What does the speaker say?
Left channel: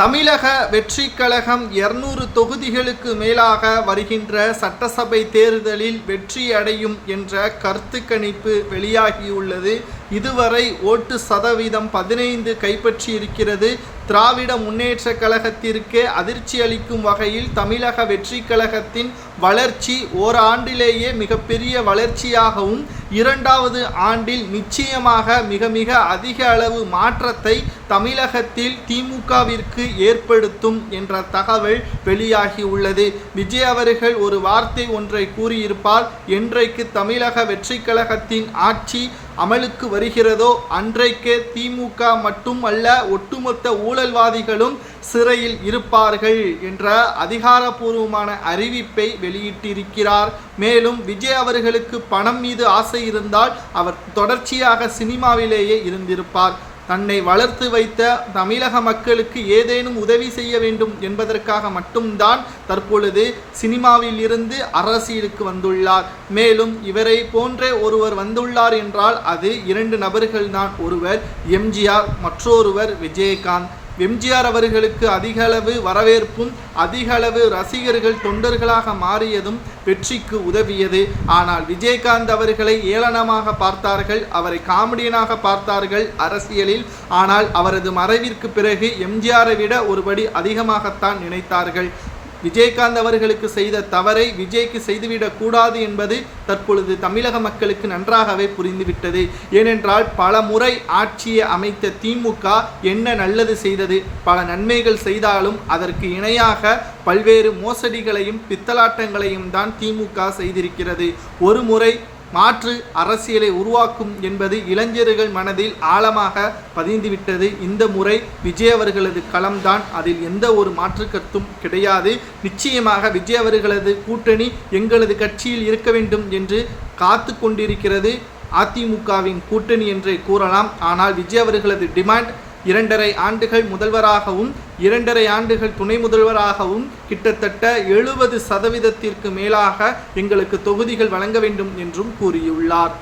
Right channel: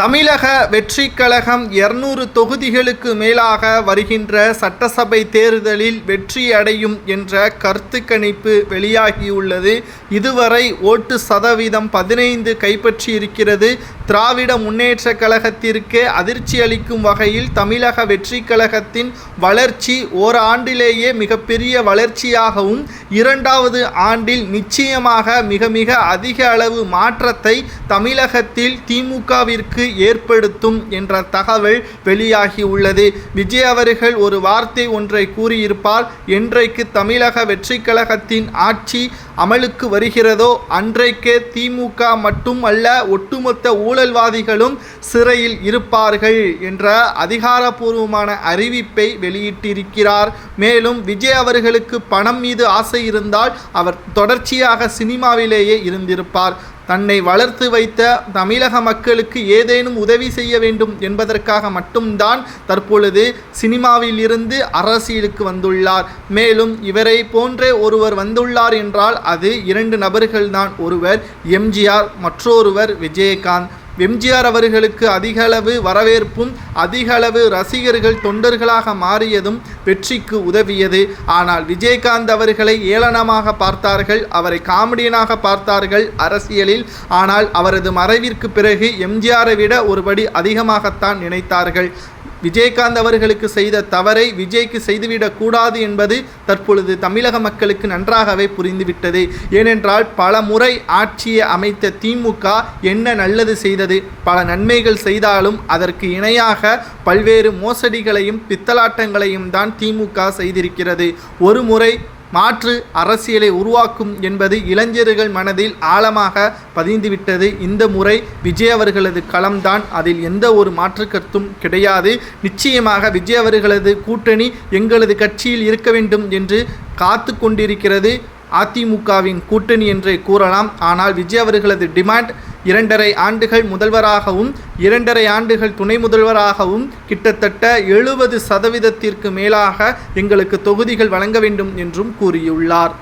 தமிழக வெற்றிக் கழகம் 200 தொகுதிகளுக்கு மேலாக வருகின்ற சட்டசபை தேர்தலில் வெற்றி அடையும் என்ற கருத்து கணிப்பு வெளியாகியுள்ளது. இதுவரை ஓட்டு சதவீதம் 15 கைப்பற்றி இருக்கிறது. திராவிட முன்னேற்ற கழகத்திற்கு அதிர்ச்சி அளிக்கும் வகையில் தமிழக வெற்றி கழகத்தின் வளர்ச்சி ஓராண்டிலேயே மிகப்பெரிய வளர்ச்சியாகவும், இரண்டாவது ஆண்டில் நிச்சயமாக மிக மிக அதிக அளவு மாற்றத்தை தமிழகத்தில் திமுகவிற்கு ஏற்படுத்தும் என்ற தகவல் வெளியாகியுள்ளது. விஜய் அவர்கள் ஒரு வார்த்தை ஒன்றை கூறியிருப்பார். என்றைக்கு தமிழக வெற்றி கழகத்தின் ஆட்சி அமலுக்கு வருகிறதோ அன்றைக்கே திமுக மட்டும் அல்ல, ஒட்டுமொத்த ஊழல்வாதிகளும் சிறையில் இருப்பார்கள் என்ற அதிகாரப்பூர்வமான அறிவிப்பை வெளியிட்டிருக்கிறார். மேலும் விஜய் அவர்களுக்கு பணம் மீது ஆசை இருந்தால் அவர் தொடர்ச்சியாக சினிமாவிலேயே இருந்திருப்பார். தன்னை வளர்த்து வைத்த தமிழக மக்களுக்கு ஏதேனும் உதவி செய்ய வேண்டும் என்பதற்காக மட்டும்தான் தற்பொழுது சினிமாவில் இருந்து அரசியலுக்கு வந்துள்ளார். மேலும் இவரை போன்றே ஒருவர் வந்துள்ளார் என்றால் அது 2 நபர்கள்தான். ஒருவர் எம்ஜிஆர், மற்றொருவர் விஜயகாந்த். எம்ஜிஆர் அவர்களுக்கு அதிக அளவு வரவேற்பும் அதிக அளவு ரசிகர்கள் தொண்டர்களாக மாறியதும் வெற்றிக்கு உதவியது. ஆனால் விஜயகாந்த் அவர்களை ஏளனமாக பார்த்தார்கள், அவரை காமெடியனாக பார்த்தார்கள் அரசியலில். ஆனால் அவரது மறைவிற்கு பிறகு எம்ஜிஆரை விட ஒருபடி அதிகமாகத்தான் நினைத்தார்கள். விஜயகாந்த் அவர்களுக்கு செய்த தவறை விஜய்க்கு செய்துவிடக்கூடாது என்பது தற்பொழுது தமிழக மக்களுக்கு நன்றாகவே புரிந்துவிட்டது. ஏனென்றால் பல முறை ஆட்சியை அமைத்த திமுக என்ன நல்லது செய்தது? பல நன்மைகள் செய்தாலும் அதற்கு இணையாக பல்வேறு மோசடிகளையும் பித்தலாட்டங்களையும் தான் திமுக செய்திருக்கிறது. ஒரு முறை மாற்று அரசியலை உருவாக்கும் என்பது இளைஞர்கள் மனதில் ஆழமாக பதிந்துவிட்டது. இந்த முறை விஜய் அவர்களது களம்தான், அதில் எந்த ஒரு மாற்று கருத்தும் கிடையாது. நிச்சயமாக விஜய் அவர்களது கூட்டணி எங்களது கட்சியில் இருக்க வேண்டும் என்று காத்து கொண்டிருக்கிறது அதிமுகவின் கூட்டணி என்றே கூறலாம். ஆனால் விஜய் அவர்களது டிமாண்ட் 2.5 ஆண்டுகள் முதல்வராகவும் 2.5 ஆண்டுகள் துணை முதல்வராகவும் கிட்டத்தட்ட 70% மேலாக எங்களுக்கு தொகுதிகள் வழங்க வேண்டும் என்றும் கூறியுள்ளார்.